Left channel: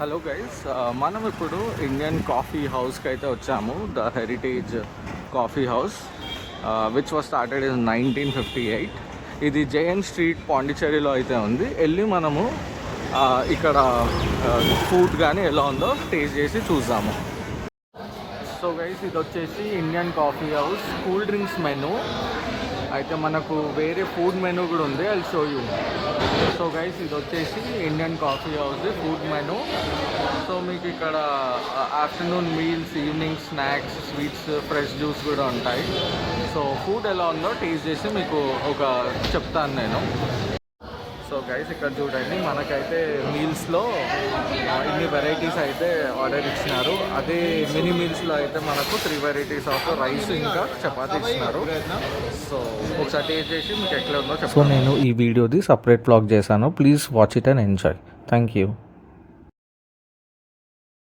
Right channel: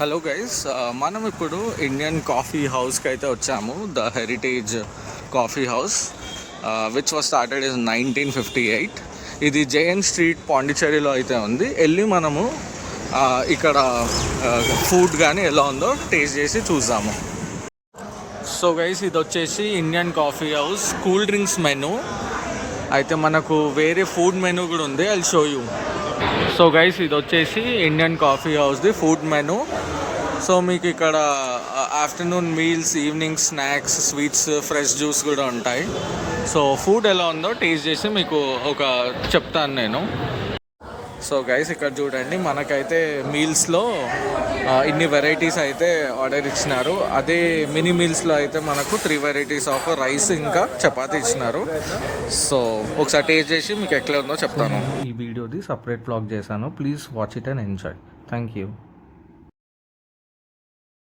Hello guys, మనం ఇప్పుడు Indian coffee హౌస్కి అయితే వచ్చాము. The heritage coffee house which was started in 1958. ఇది జేఎన్ స్ట్రీట్ పాండిచ్చేరిలో అయితే ఉంది. వెళ్ళి మనము ఇక్కడ ఫుడ్ కానీ ఎలా ఉందో టేస్ట్ చేసి చూద్దాము. సో గైస్, ఇది వచ్చేసి Indian coffee house cool drinks menu. అయితే మనకు వేరే ఫుడ్ మెనూ కూడా ఉంది, I'll show you. So guys, ఇది వచ్చేసి ఇండియన్ కాఫీ హౌస్ది ఫుడ్ మెనూ. సో మీకు ఇక్కడ afternoon meals, evening snacks, sweets, fresh juice కూడా ఉంటాయి. సో ఫుడ్ ఎలా ఉందో టేస్ట్ చేసి మీకు చెప్తాను నేను. సో గైస్, ఇక్కడ చూడండి, మనకైతే మీల్స్లో ఇన్ని వెరైటీస్ అయితే ఆర్డర్ ఇచ్చినారు. అదే మినీ మీల్స్లో అయితే మనకు 3 వెరైటీస్ ఆఫ్ రైస్ ఇంకా చపాతీ ఇచ్చినారు. సో ఒకసారి టేస్ట్ చేసి మీకు ఎట్లా ఉందో చెప్తాను. నేను ఈ వీడియోది సపరేట్ వ్లాగ్ చేశాను. Please watch it and enjoy. Thank you.